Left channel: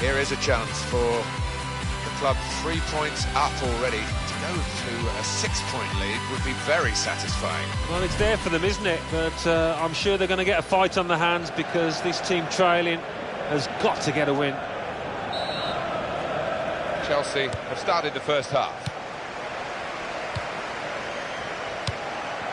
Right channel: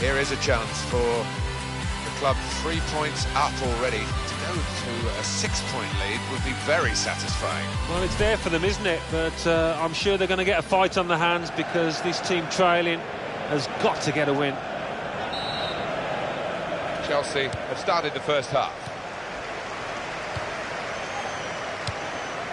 Here is a chance for the club 3 points up already. To go to a 6-point lead would be very satisfying. Well, it's there for them, isn't it? But I'm sure they're going to get a fight on the hands because this team trailing has got to get a win. Chelsea have started the first half.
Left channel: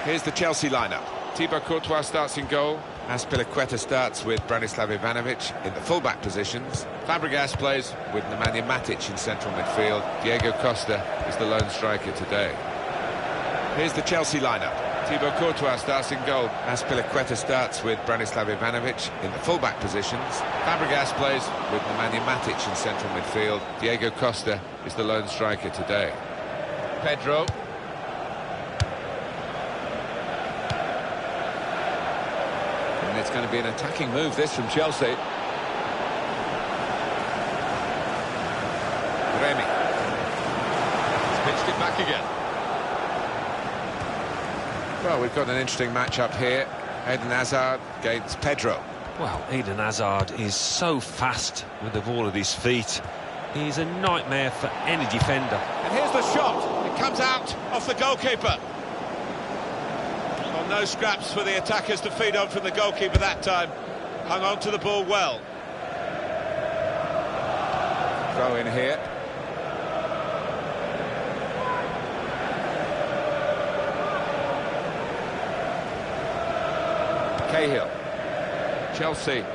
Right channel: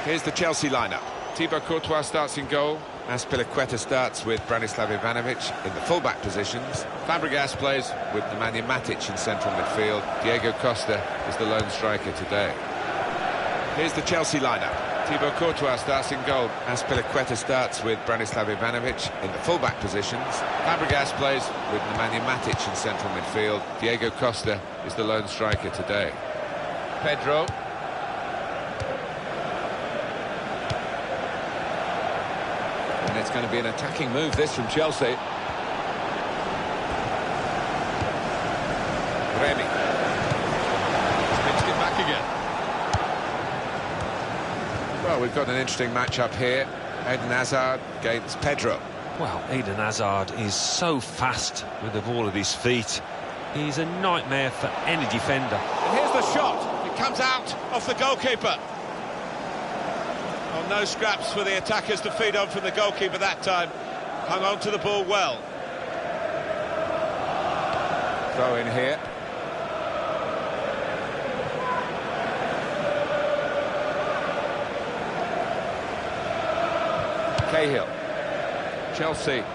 Here's the Chelsea lineup. Thibaut Courtois starts in goal. Azpilicueta starts with Branislav Ivanovic in the full-back positions. Fabregas plays with Nemanja Matic in central midfield. Diego Costa is the lone striker today. Here's the Chelsea lineup. Thibaut Courtois starts in goal. Azpilicueta starts with Branislav Ivanovic in the full-back positions. Fabregas plays with Nemanja Matic in central midfield. Diego Costa is the lone striker today. Pedro. And it's going to be an attacking move, this, from Chelsea. Remy. He's pitched it back again. Well, we've got an interesting match-up here. Eden Hazard against Pedro. Well, Eden Hazard is so fast with the ball at his feet. He's a nightmare for any defender. And here's the shot. It comes out off the goalkeeper. Well, no scraps for the attackers to feed on from the goalkeeper that time. Hung on to the ball well. Throw in here. Cahill. Chelsea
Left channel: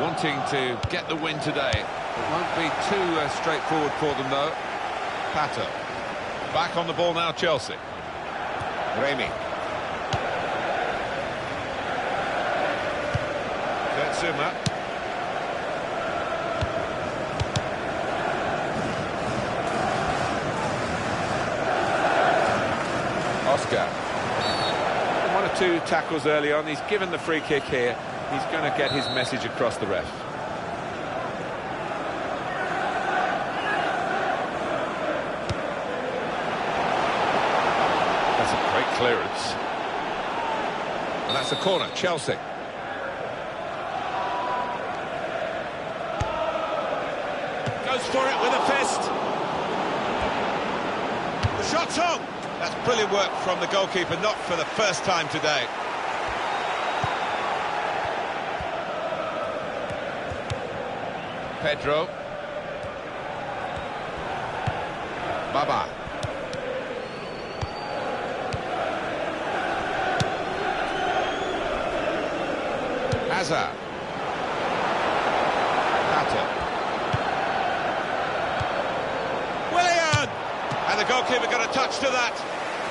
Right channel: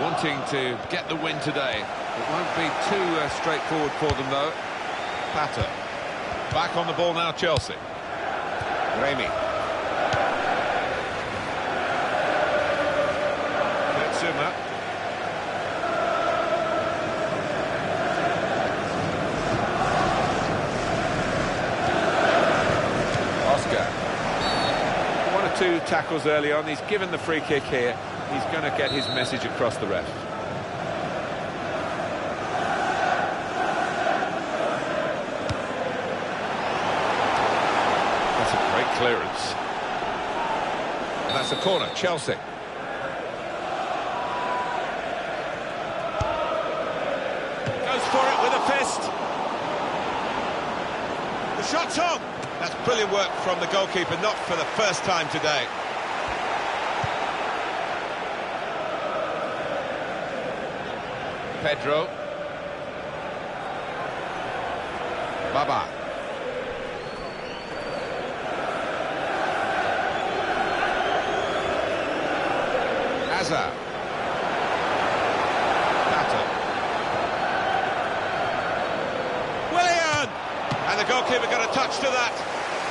wanting to get the win today. It won't be too straightforward for them, though. Pato. Back on the ball now, Chelsea. Remy. Kurtzuma. Oscar. One or two tackles early on. He's given the free kick here. He's going to get his message across the ref. That's a great clearance. And that's a corner, Chelsea. Goes for it with a fist. The shot's on. That's brilliant work from the goalkeeper, not for the first time today. Pedro. Baba. Hazard. Pato. Willian! And the goalkeeper got a touch to that.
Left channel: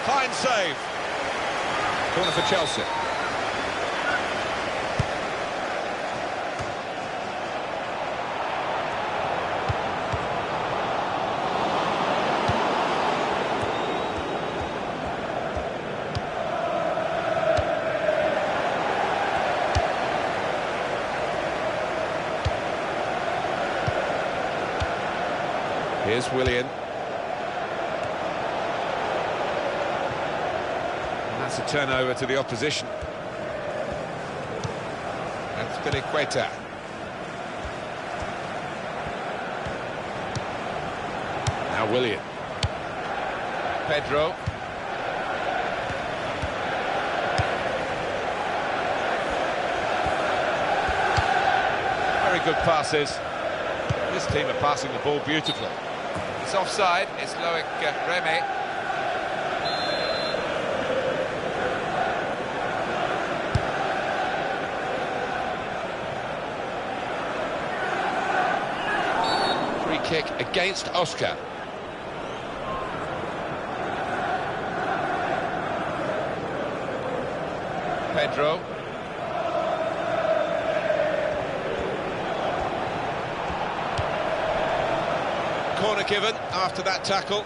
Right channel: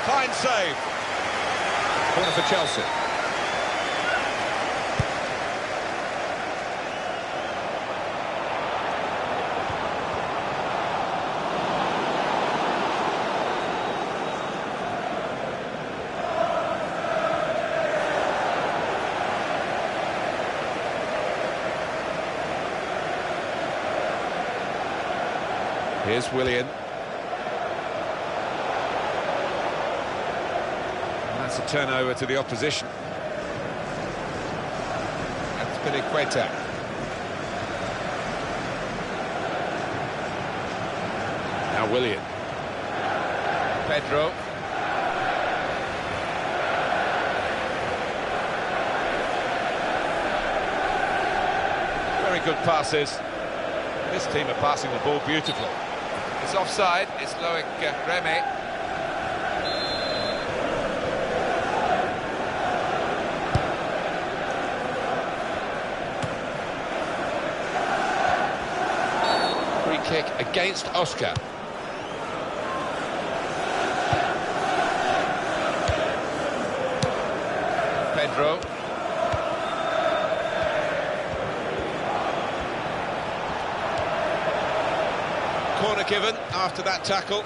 Fine save. Corner for Chelsea. Here's Willian. And that's a turnover to the opposition. That's Azpilicueta. Now Willian. Pedro. Very good passes. This team are passing the ball beautifully. It's offside, it's Loic Remy. Free kick against Oscar. Pedro. Corner given after that tackle.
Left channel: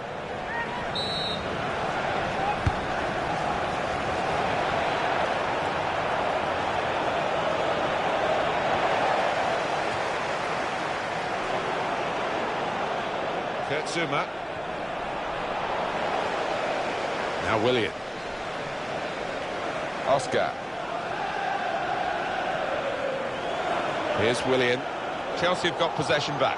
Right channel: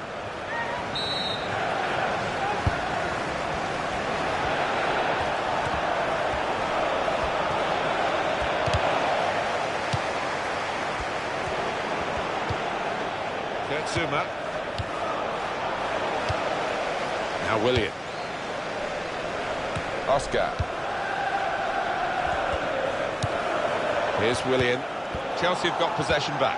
Kurtzuma. Now Willian. Oscar. Here's Willian. Chelsea have got possession back.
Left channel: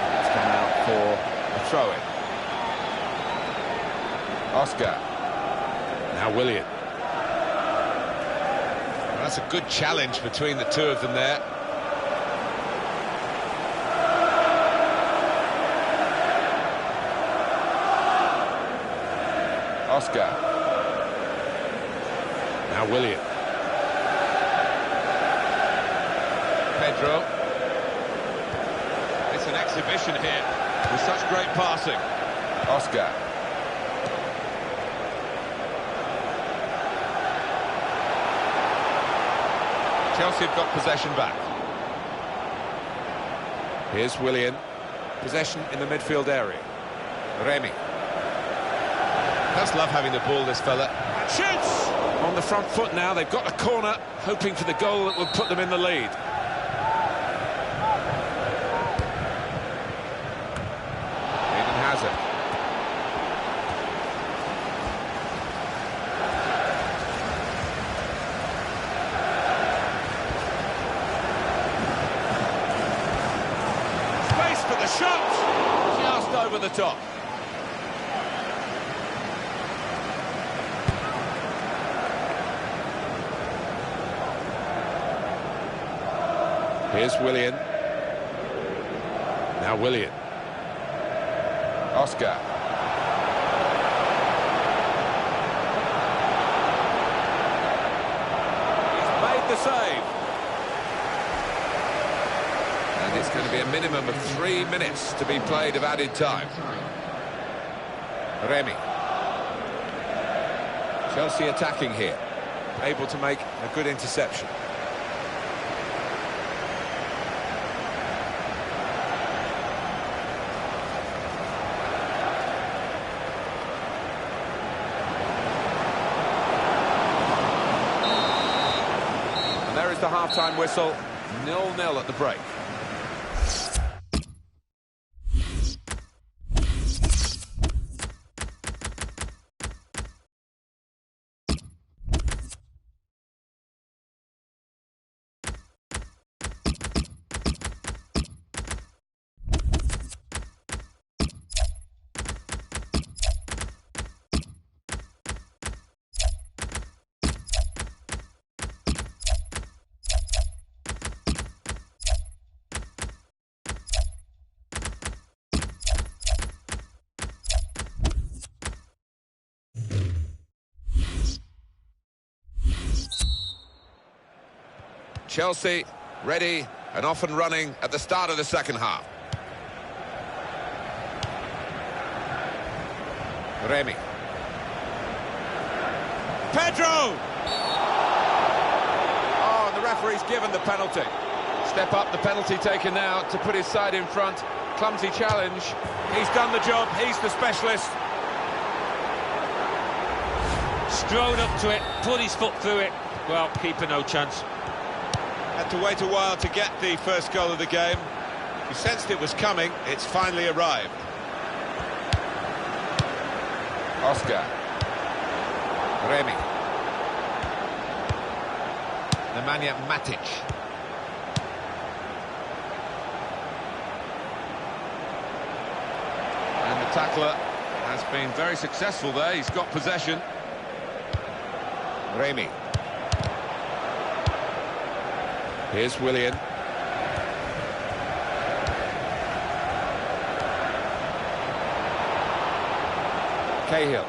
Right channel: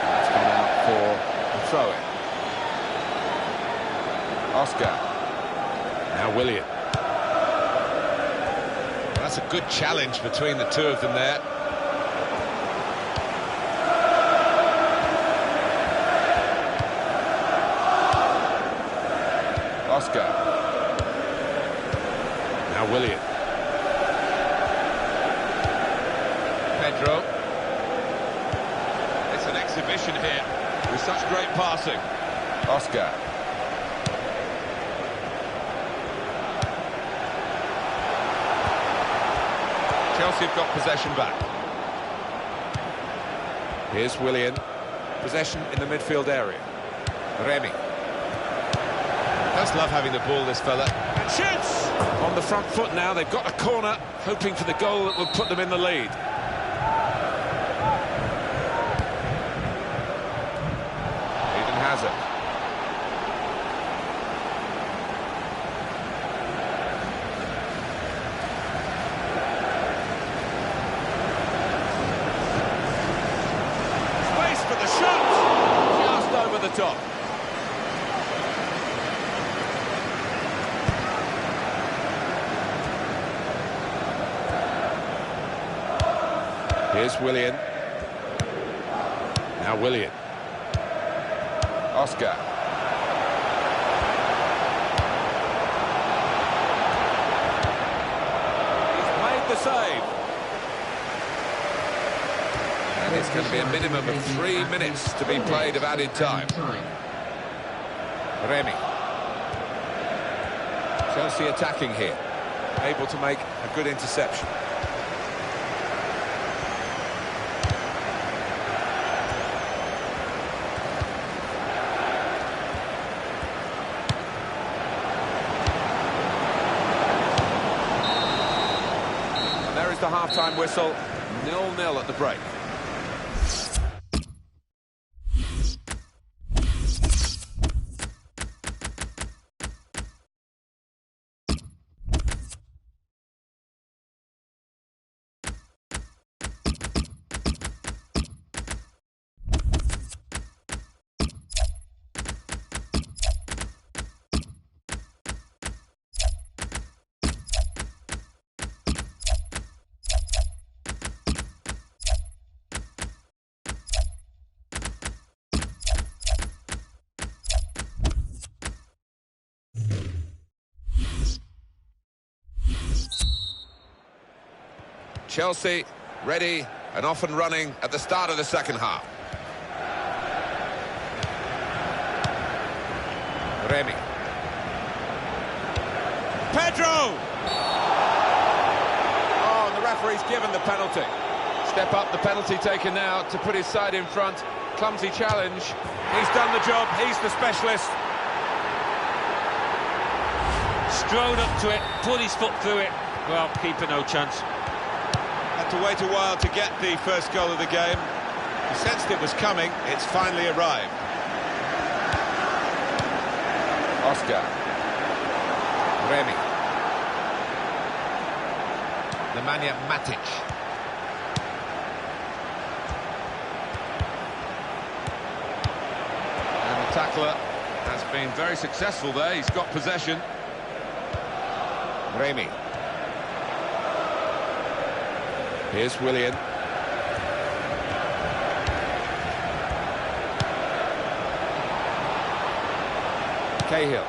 That's gone out for a throw-in. Oscar. Now Willian. That's a good challenge between the two of them there. Oscar. Now Willian. Pedro. It's an exhibition here with such great passing. Oscar. Chelsea have got possession back. Here's Willian. Possession in the midfield area. Remy. Does love having the ball, this fella. And shoots! On the front foot now, they've got a corner, hoping for the goal that will put them in the lead. Eden Hazard. Space for the shot! Just over the top. Here's Willian. Now Willian. Oscar. He's made the save. And it's going to be a minimum of 3 minutes to be played of added time. Remy. Chelsea attacking here. Able to make a good interception. There is the half-time whistle, 0-0 at the break. Chelsea ready and off and running at the start of the second half. Remy. Pedro! Oh, and the referee's given the penalty. Step up, the penalty taken now to put his side in front. Clumsy challenge. He's done the job, he's the specialist. Strode up to it, put his foot through it. Well, keeper no chance. Had to wait a while to get the first goal of the game. He sensed it was coming, it's finally arrived. Oscar. Remy. Nemanja Matic. And the tackler has been very successful there. He's got possession. Remy. Here's Willian. Cahill.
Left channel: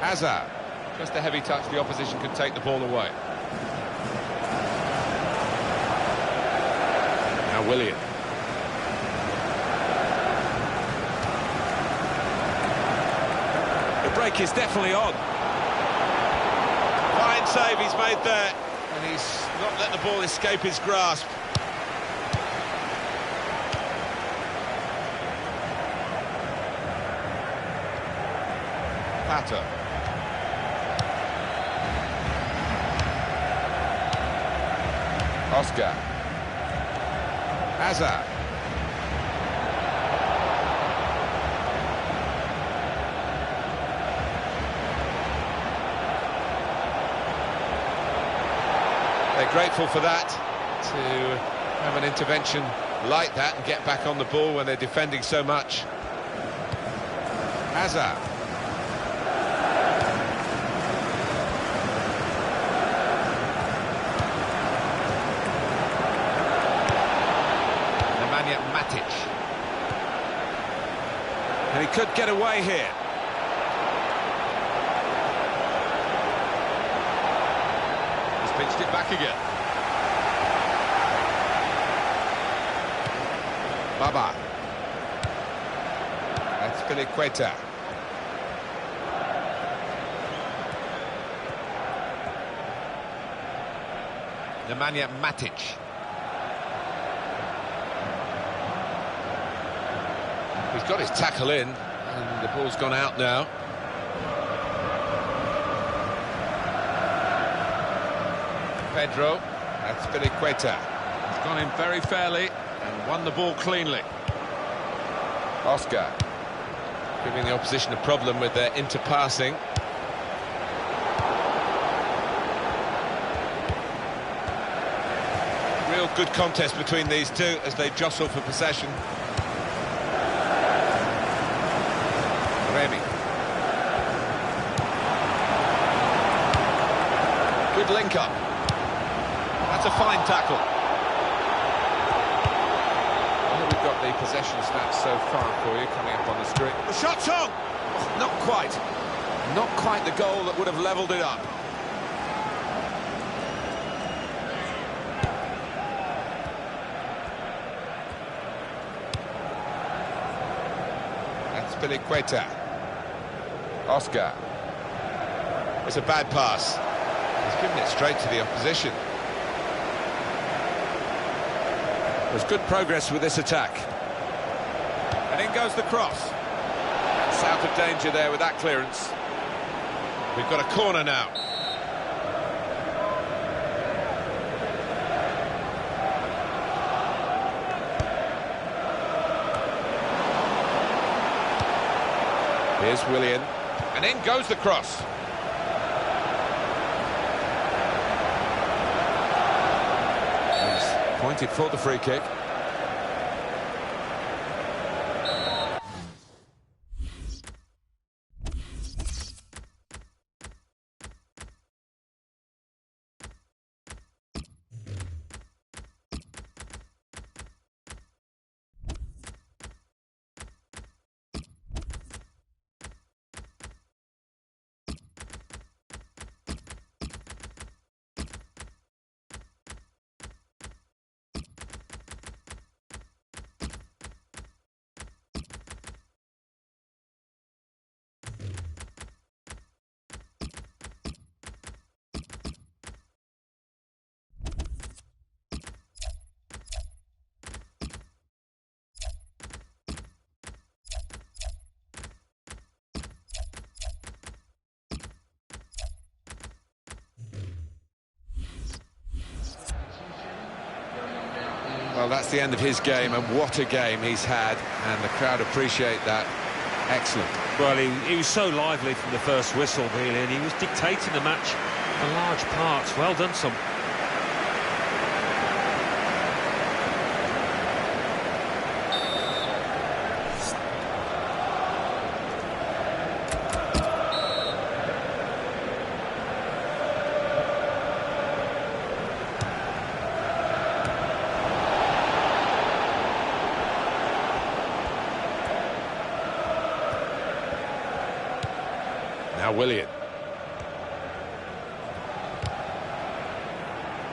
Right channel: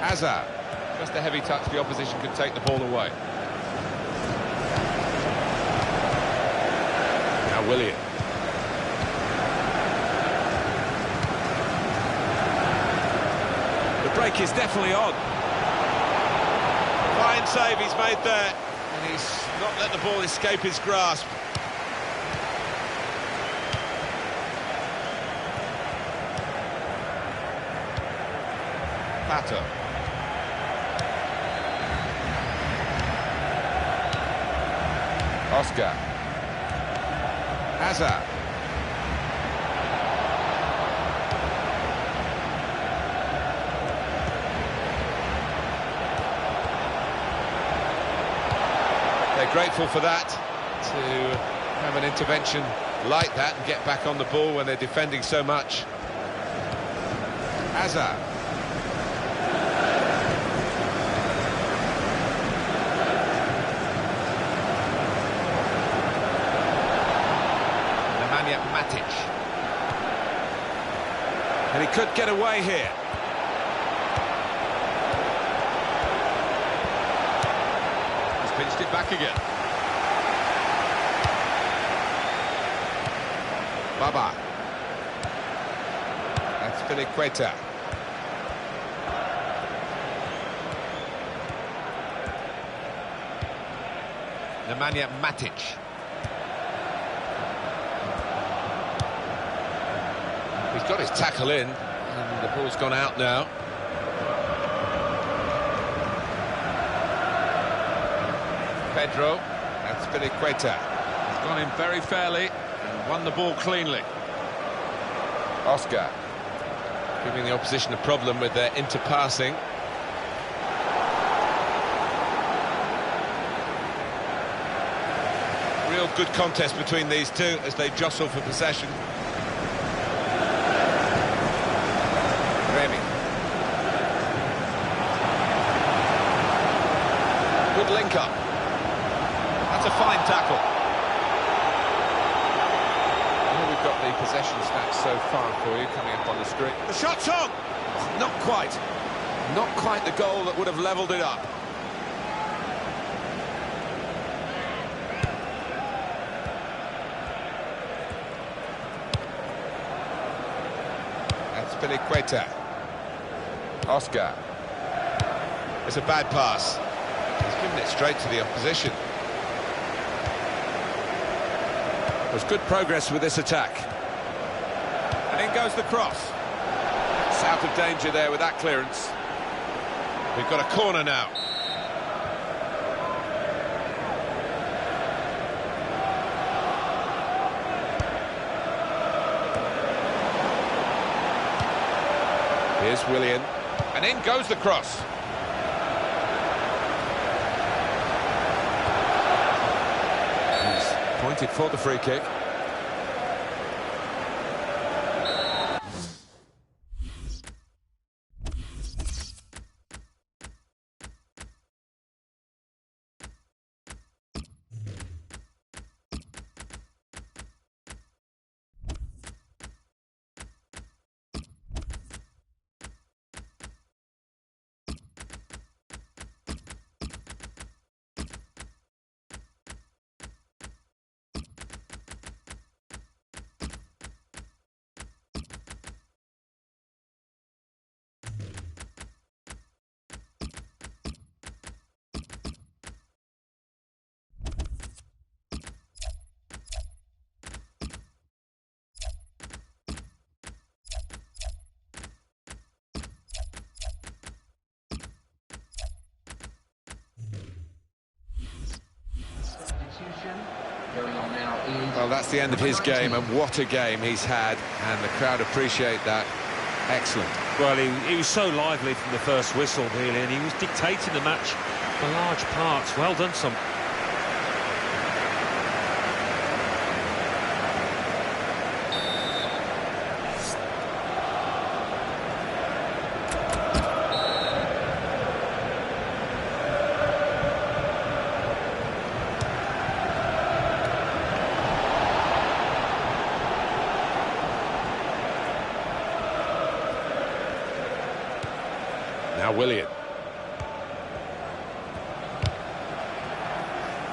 Hazard. Just a heavy touch, the opposition can take the ball away. Now Willian. The break is definitely on. Fine save he's made there, and he's not let the ball escape his grasp. Pato. Oscar. Hazard. They're grateful for that, to have an intervention like that and get back on the ball when they're defending so much. Hazard. Nemanja Matic. And he could get away here. He's pinched it back again. Baba. That's Filiqueta. Nemanja Matic. He's got his tackle in, and the ball's gone out now. Pedro, that's Filiqueta. He's gone in very fairly and won the ball cleanly. Oscar, giving the opposition a problem with their interpassing. Real good contest between these two as they jostle for possession. Remy. Good link up. That's a fine tackle. Here we've got the possession stats so far for you coming up on the screen. The shot's on! Oh, not quite. Not quite the goal that would have levelled it up. That's Filiqueta. Oscar. It's a bad pass. He's given it straight to the opposition. There's good progress with this attack. And in goes the cross. That's out of danger there with that clearance. We've got a corner now. Here's Willian. And in goes the cross. He's pointed for the free kick. Well, that's the end of his game, and what a game he's had, and the crowd appreciate that. Excellent. Well, he was so lively from the first whistle, really, and he was dictating the match for large parts. Well done, son. Now Willian.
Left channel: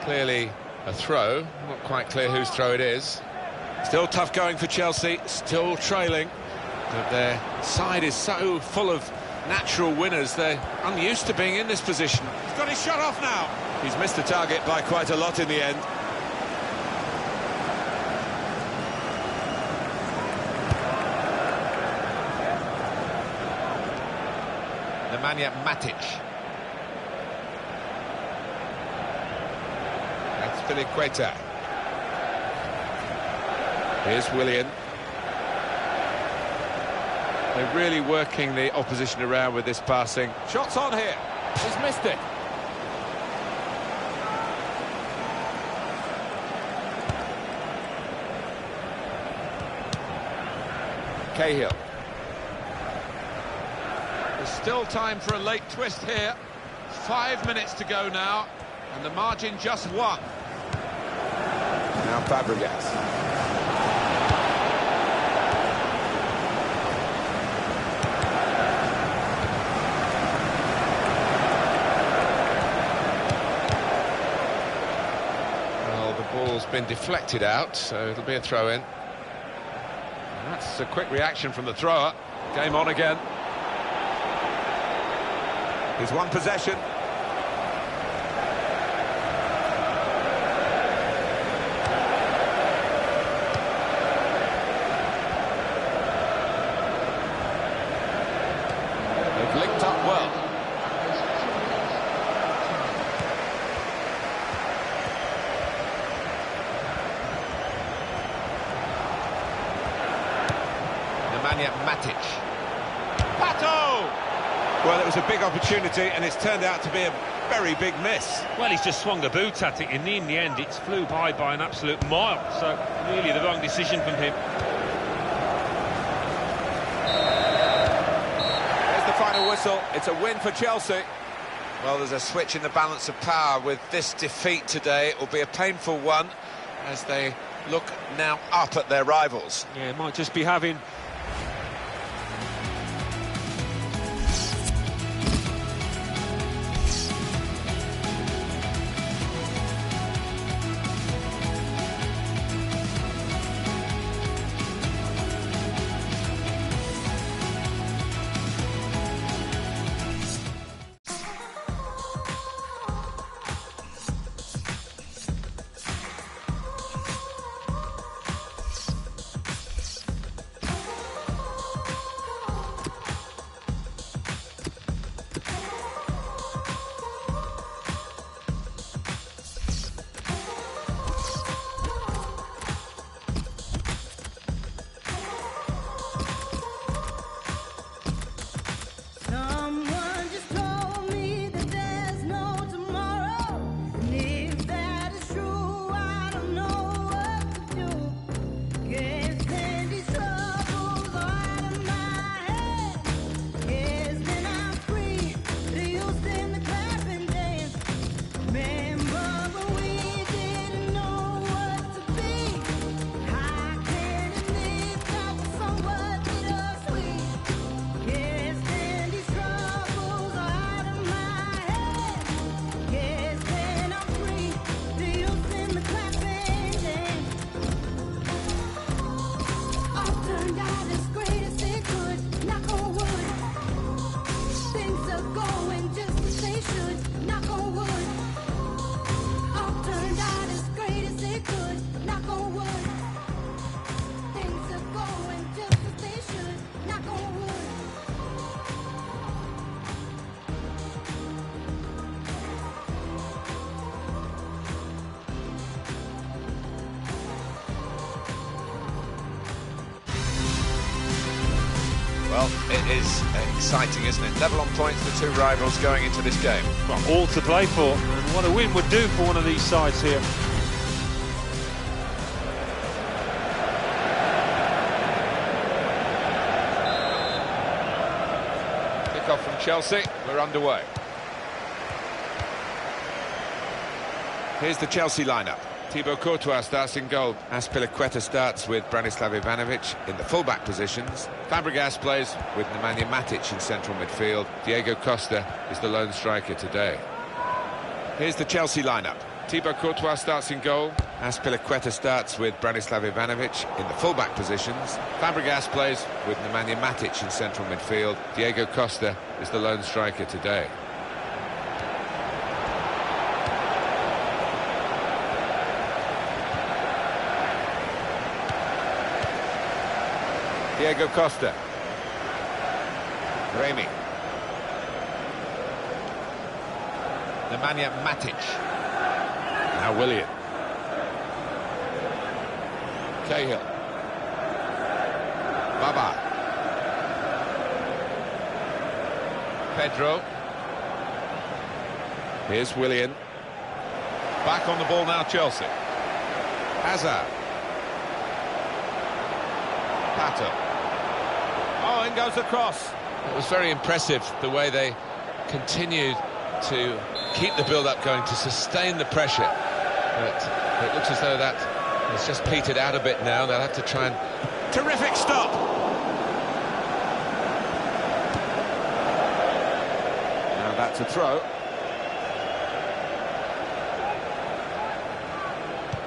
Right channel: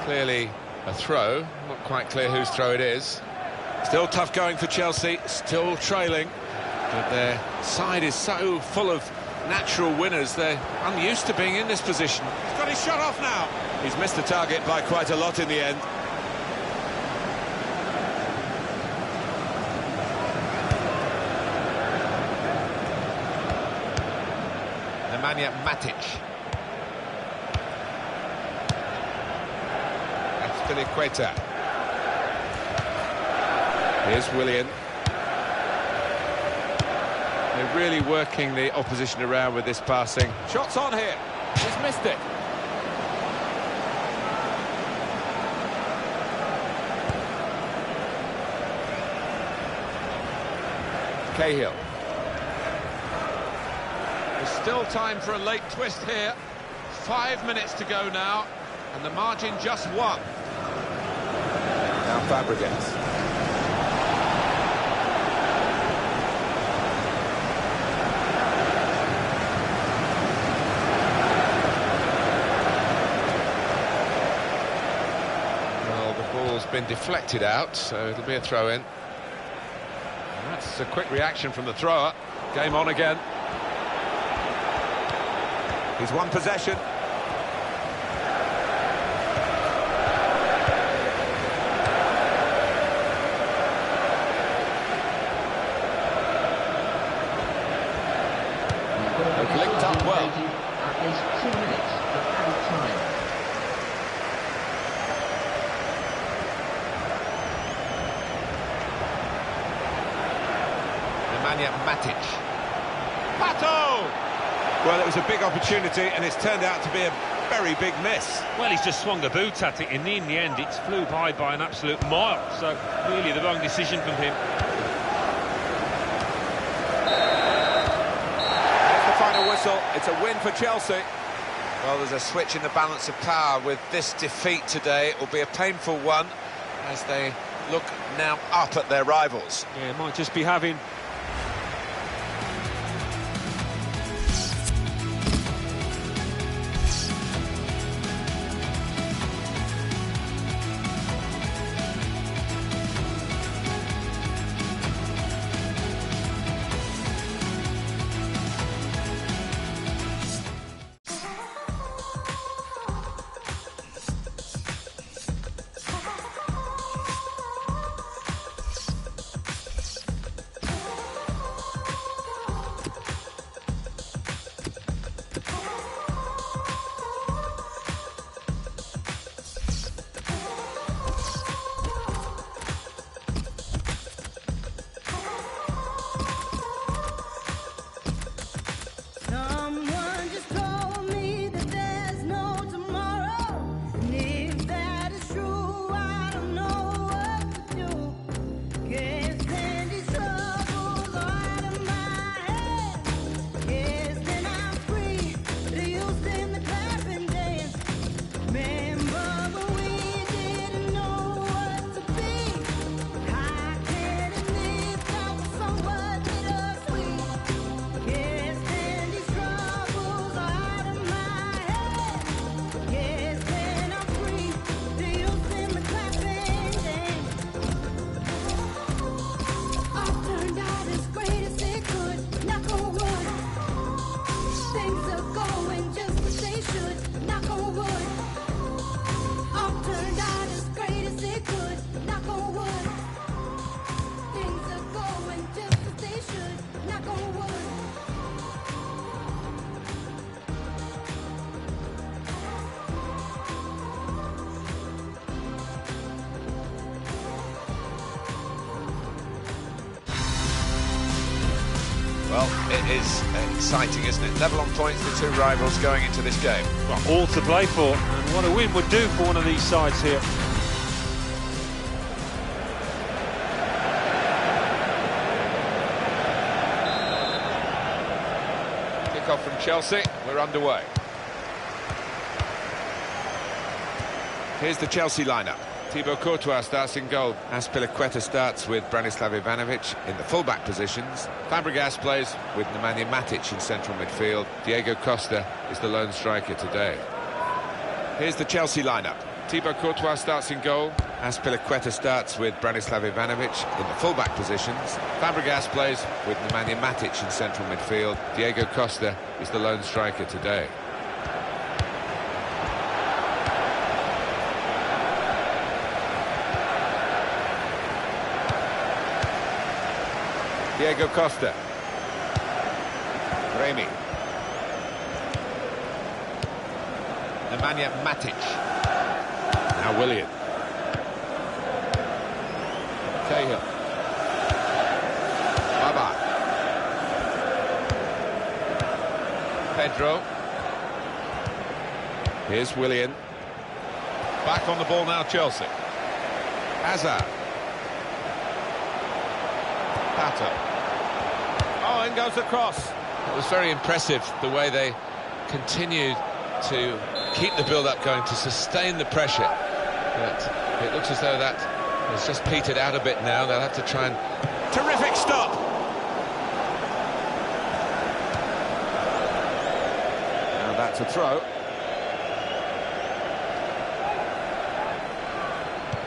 Clearly a throw, not quite clear whose throw it is. Still tough going for Chelsea, still trailing, but their side is so full of natural winners, they're unused to being in this position. He's got his shot off now. He's missed the target by quite a lot in the end. Nemanja Matic. That's Filiqueta. Here's Willian. They're really working the opposition around with this passing. Shots on here. He's missed it. Cahill. There's still time for a late twist here. 5 minutes to go now, and the margin just 1. Now Fabregas. Well, the ball's been deflected out, so it'll be a throw-in. And that's a quick reaction from the thrower. Game on again. He's won possession. They've linked up well. Nemanja Matic. Pato! Well, it was a big opportunity, and it's turned out to be a very big miss. Well, he's just swung the boot at it, and in the end, it flew by an absolute mile. So, really, the wrong decision from him. There's the final whistle. It's a win for Chelsea. Well, there's a switch in the balance of power with this defeat today. It will be a painful one as they look now up at their rivals. Yeah, it might just be having Well, it is exciting, isn't it? Level on points, the two rivals going into this game. Well, all to play for, and what a win would do for one of these sides here. Kick-off from Chelsea, we're underway. Here's the Chelsea lineup. Thibaut Courtois starts in goal. Azpilicueta starts with Branislav Ivanovic in the full-back positions. Fabregas plays with Nemanja Matic in central midfield. Diego Costa is the lone striker today. Here's the Chelsea lineup. Thibaut Courtois starts in goal. Azpilicueta starts with Branislav Ivanovic in the full-back positions. Fabregas plays with Nemanja Matic in central midfield. Diego Costa is the lone striker today. Diego Costa. Remy. Nemanja Matic. Now Willian. Cahill. Baba. Pedro. Here's Willian. Back on the ball now, Chelsea. Hazard. Pato. Oh, in goes the cross. It was very impressive the way they continued to keep the build-up going, to sustain the pressure. But it looks as though that has just petered out a bit now. They'll have to try and... Terrific stop! Now that's a throw.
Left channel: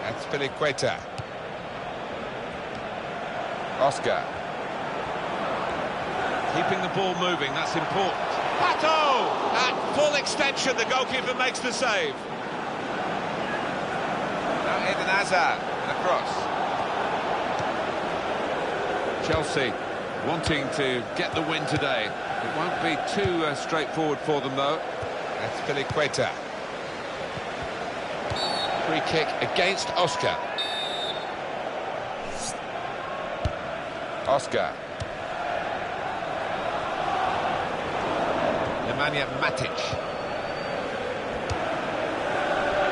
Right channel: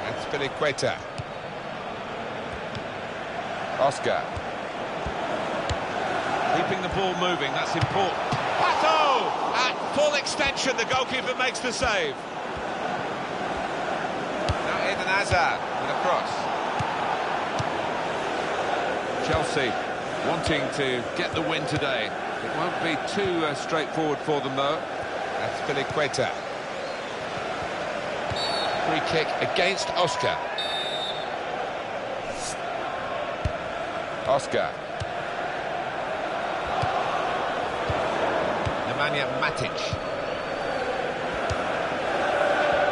That's Azpilicueta. Oscar. Keeping the ball moving, that's important. Pato! At full extension, the goalkeeper makes the save. Now Eden Hazard and a cross. Chelsea wanting to get the win today. It won't be too straightforward for them, though. That's Azpilicueta. Free kick against Oscar. Oscar. Nemanja Matic.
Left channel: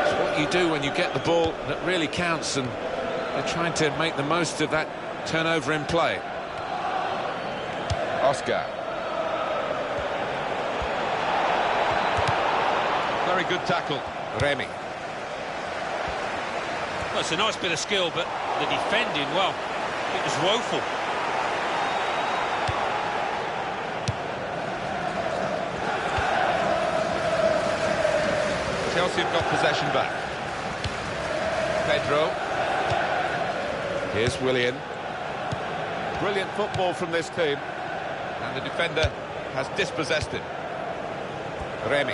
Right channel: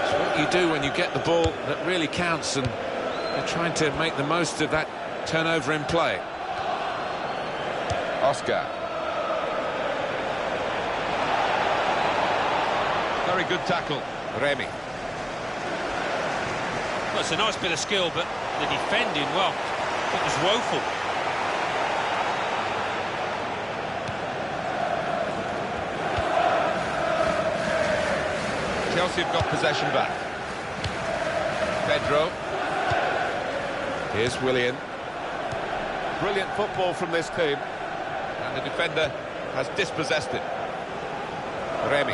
It's what you do when you get the ball that really counts, and they're trying to make the most of that turnover in play. Oscar. Very good tackle. Remy. Well, it's a nice bit of skill, but the defending, well, it was woeful. Chelsea have got possession back. Pedro. Here's Willian. Brilliant football from this team. And the defender has dispossessed it. Remy.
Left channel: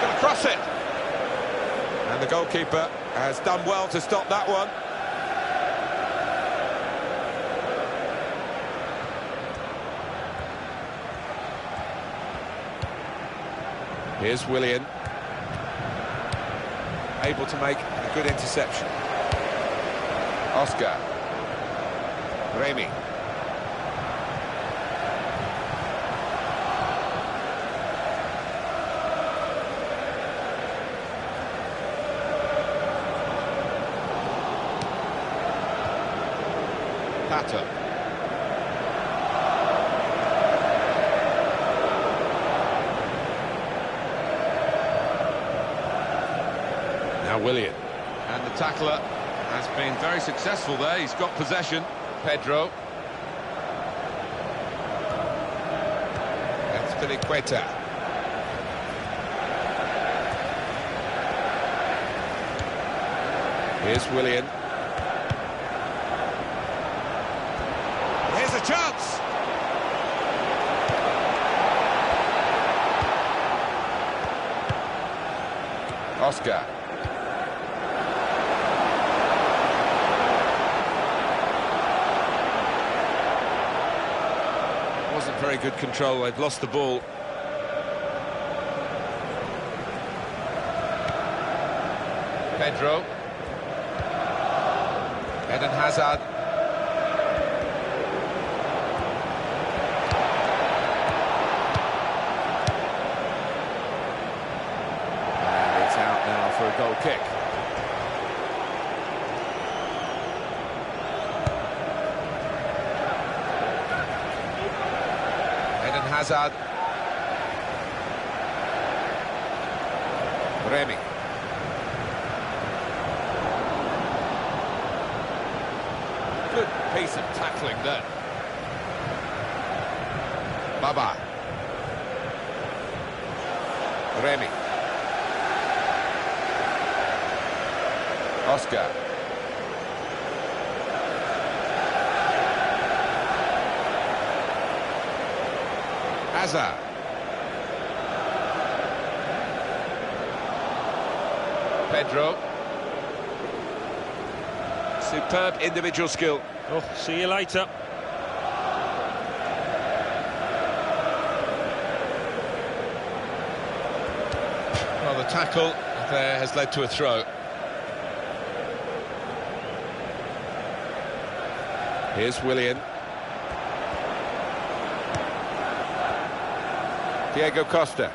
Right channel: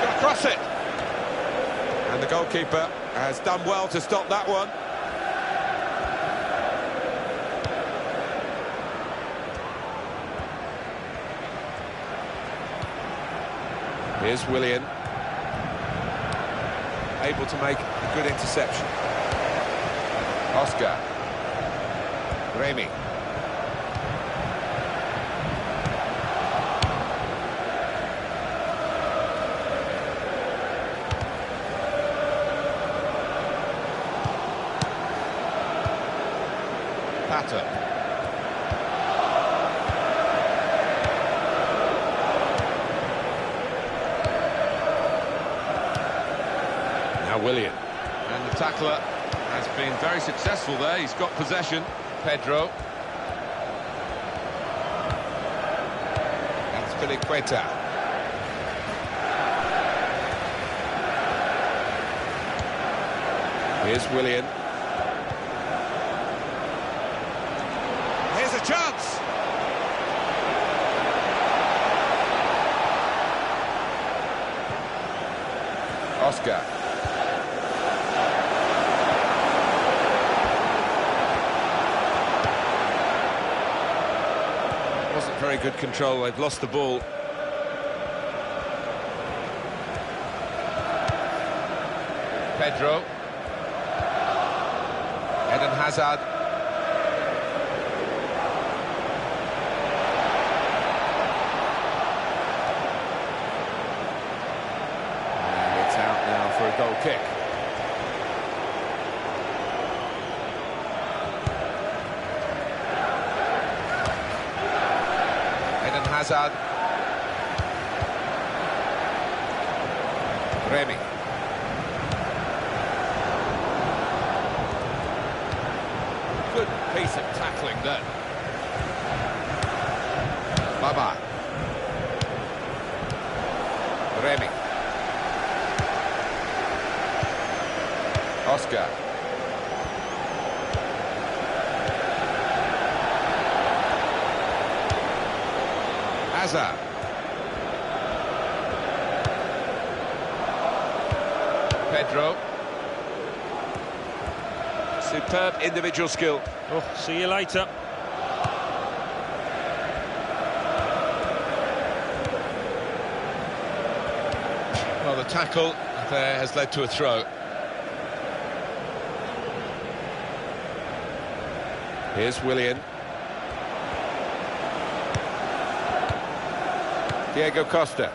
Going to cross it. And the goalkeeper has done well to stop that one. Here's Willian. Able to make a good interception. Oscar. Remy. Pato. Now Willian. And the tackler has been very successful there. He's got possession. Pedro. That's Azpilicueta. Here's Willian. Here's a chance. Oscar. Wasn't very good control. They've lost the ball. Pedro. Eden Hazard. And it's out now for a goal kick. Eden Hazard. Remy. Good piece of tackling there. Baba. Remy. Oscar. Hazard. Pedro. Superb individual skill. Oh, see you later. Well, the tackle there has led to a throw. Here's Willian. Diego Costa.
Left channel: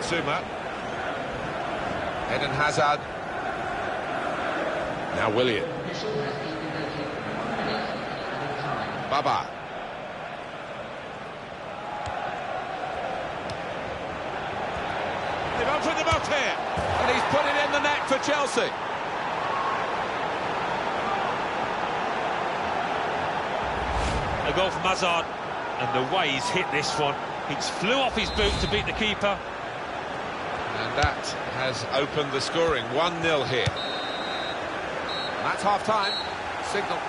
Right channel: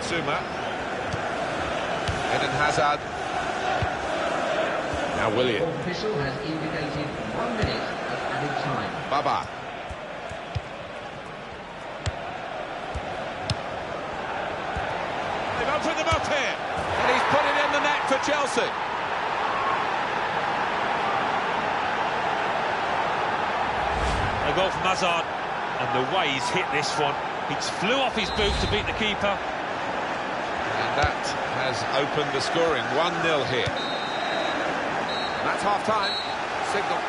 Zuma. Eden Hazard. Now Willian. The official has indicated 1 minute of added time. Baba. They've opened them up here. And he's put it in the net for Chelsea. A goal from Hazard. And the way he's hit this one. It flew off his boot to beat the keeper. And that has opened the scoring. 1-0 here. And that's half-time. Signal.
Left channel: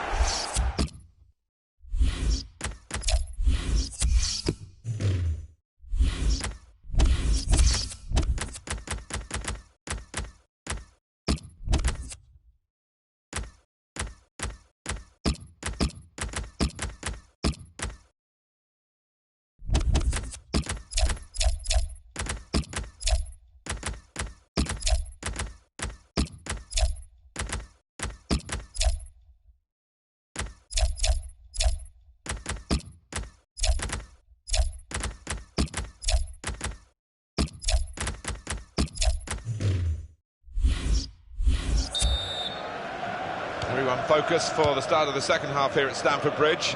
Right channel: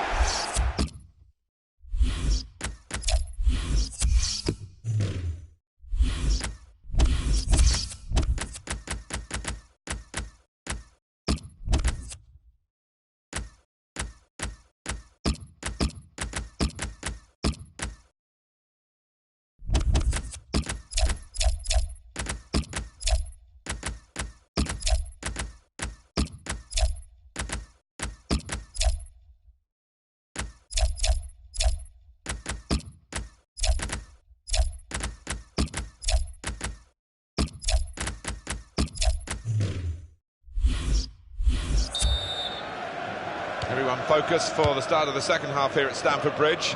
Everyone focused for the start of the second half here at Stamford Bridge.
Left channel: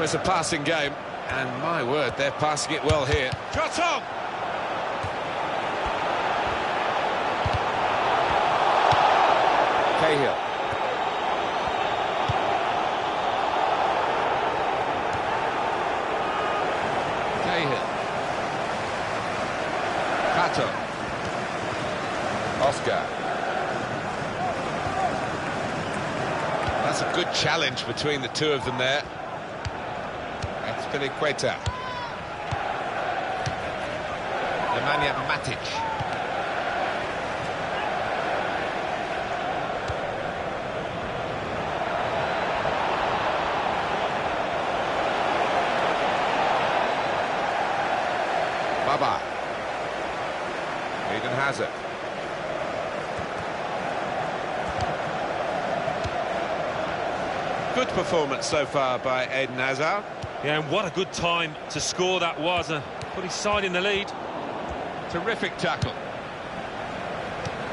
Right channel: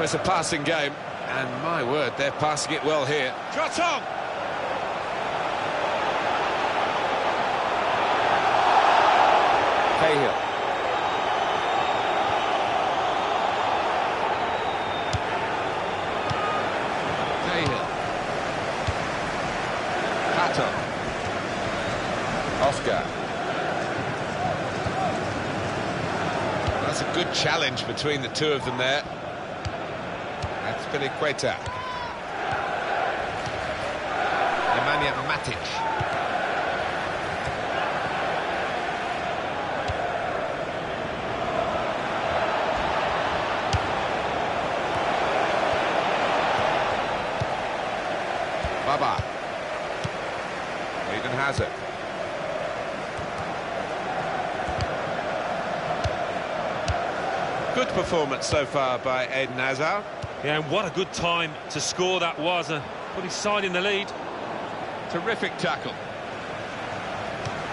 It's a passing game, and my word, they're passing it well here. Shot on! Cahill. Cahill. Pato. Oscar. That's a good challenge between the two of them there. That's Piliqueta. Nemanja Matic. Baba. Eden Hazard. Good performance so far by Eden Hazard. Yeah, and what a good time to score that was. Put his side in the lead. Terrific tackle.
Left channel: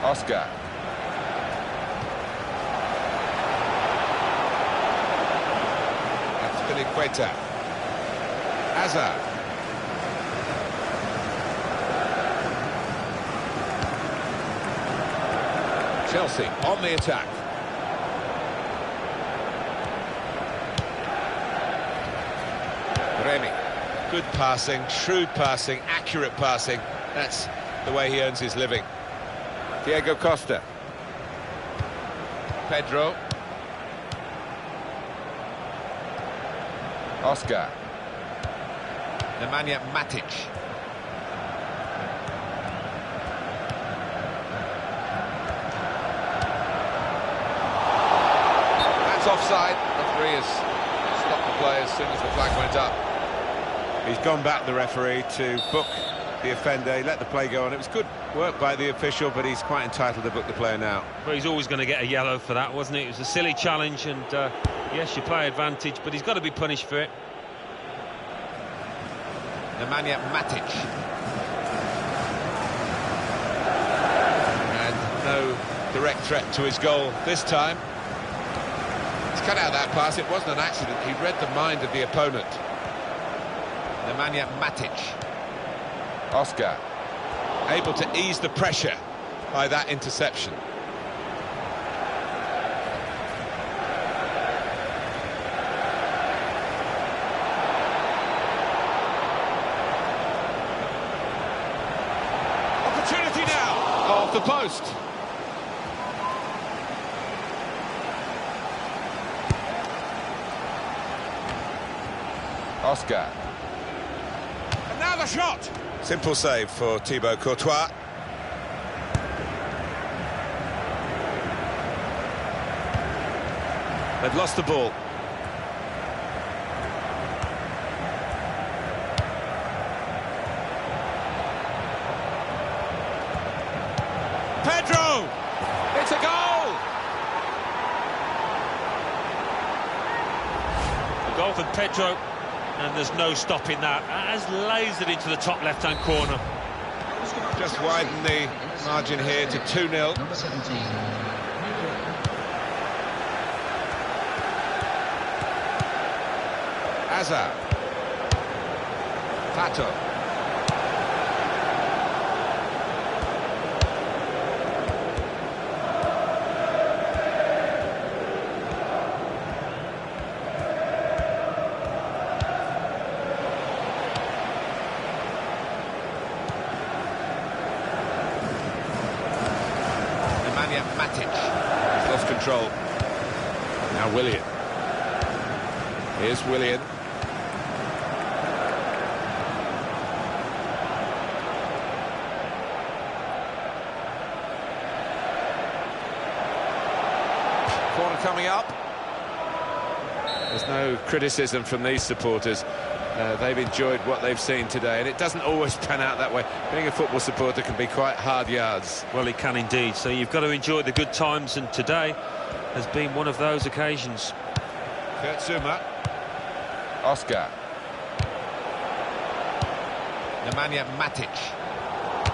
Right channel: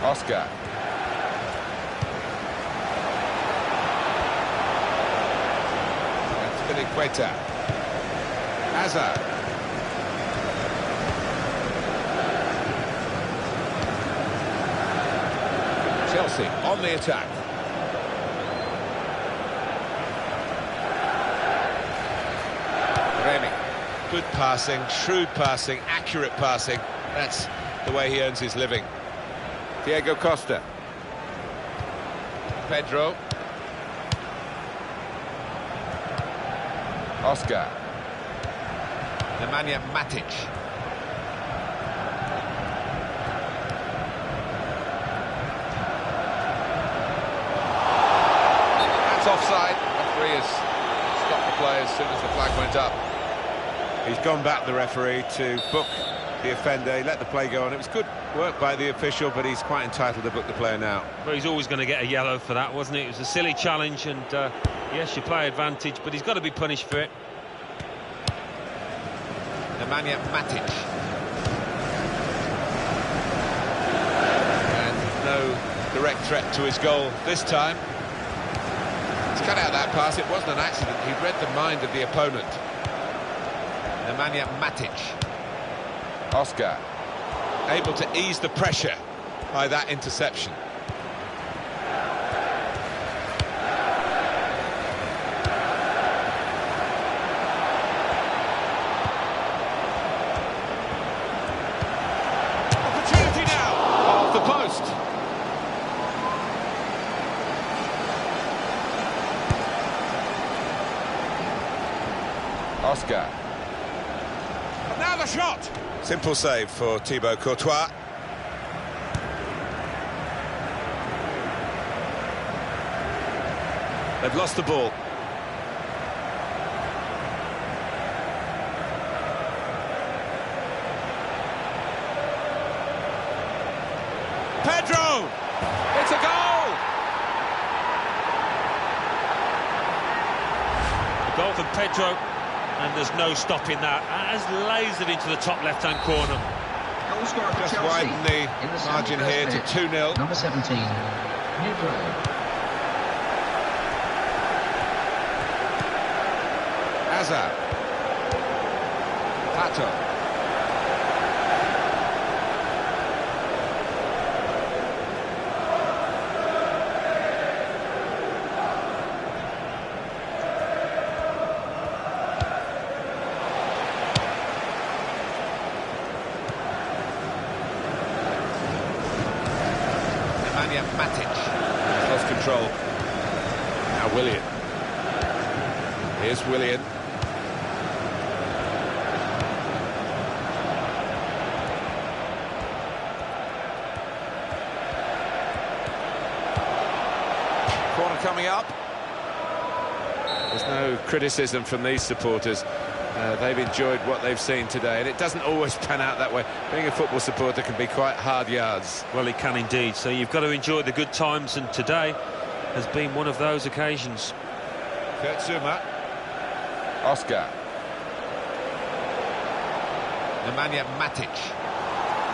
Oscar. That's Piliqueta. Hazard. Chelsea on the attack. Remy. Good passing, shrewd passing, accurate passing. That's the way he earns his living. Diego Costa. Pedro. Oscar. Nemanja Matic. That's offside. Referee has stopped the play as soon as the flag went up. He's gone back, the referee, to book the offender. He let the play go on. It was good work by the official, but he's quite entitled to book the player now. Well, he's always going to get a yellow for that, wasn't it? It was a silly challenge, and yes, you play advantage, but he's got to be punished for it. Nemanja Matic. And no direct threat to his goal this time. He's cut out that pass. It wasn't an accident. He read the mind of the opponent. Nemanja Matic. Oscar, able to ease the pressure by that interception. Opportunity now, off the post. Oscar. And now the shot. Simple save for Thibaut Courtois. They've lost the ball. Pedro! It's a goal! A goal from Pedro, and there's no stopping that. Has lasered into the top left-hand corner. Just widen the margin here to 2-0. Number 17, Neutral. Hazard. Pato. Nemanja Matic. He's lost control. Now Willian. Here's Willian. Corner coming up. There's no criticism from these supporters. They've enjoyed what they've seen today, and it doesn't always pan out that way. Being a football supporter can be quite hard yards. Well, it can indeed. So you've got to enjoy the good times, and today has been one of those occasions. Kurtzuma. Oscar. Nemanja Matic.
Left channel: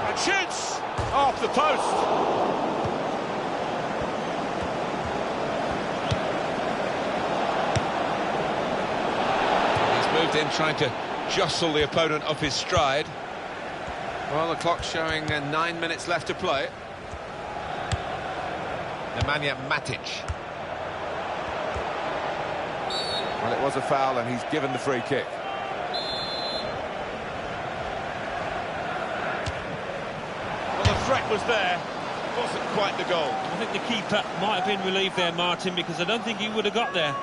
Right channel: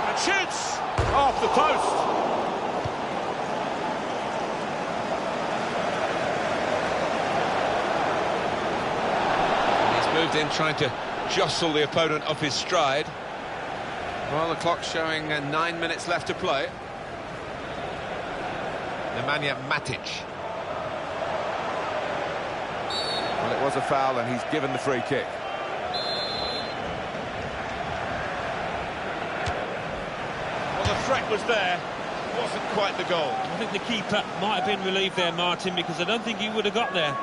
And shoots! Off the post! Moved in, trying to jostle the opponent off his stride. Well, the clock's showing 9 minutes left to play. Nemanja Matic. Well, it was a foul, and he's given the free kick. Well, the threat was there. Wasn't quite the goal. I think the keeper might have been relieved there, Martin, because I don't think he would have got there.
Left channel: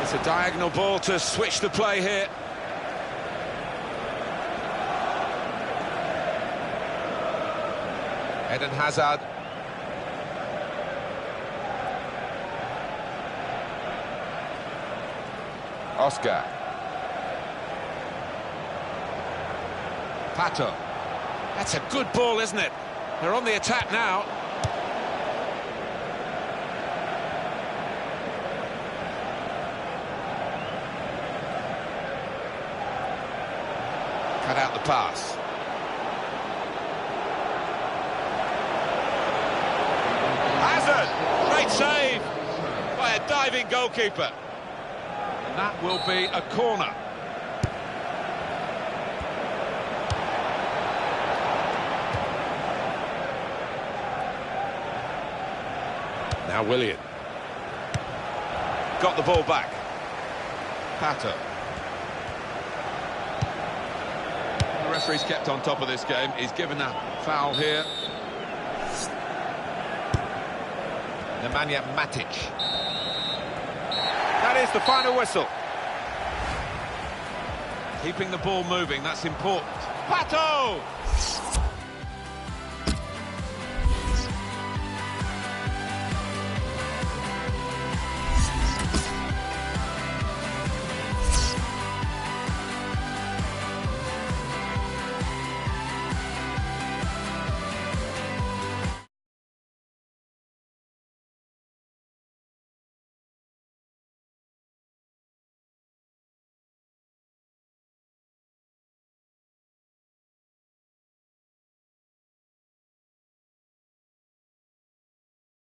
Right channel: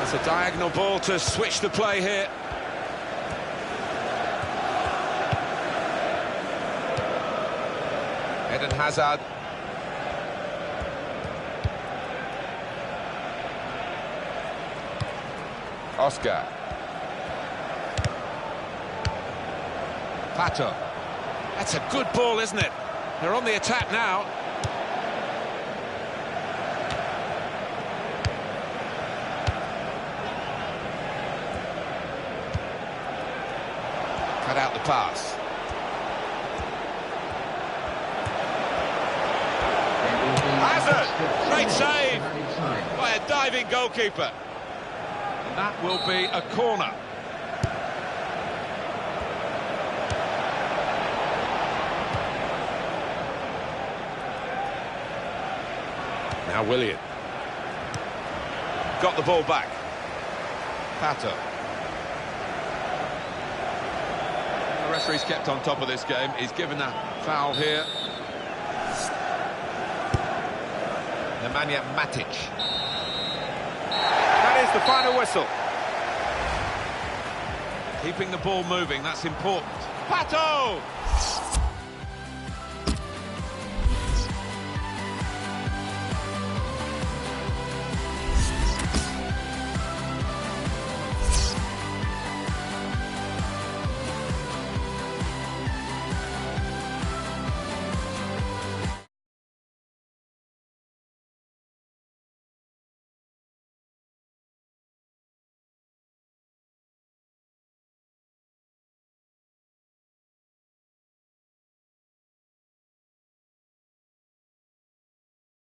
It's a diagonal ball to switch the play here. Eden Hazard. Oscar. Pato. That's a good ball, isn't it? They're on the attack now. Cut out the pass. Hazard! Great save by a diving goalkeeper. And that will be a corner. Now Willian. Got the ball back. Pato. The referee's kept on top of this game. He's given a foul here. Nemanja Matic. That is the final whistle. Keeping the ball moving, that's important. Pato!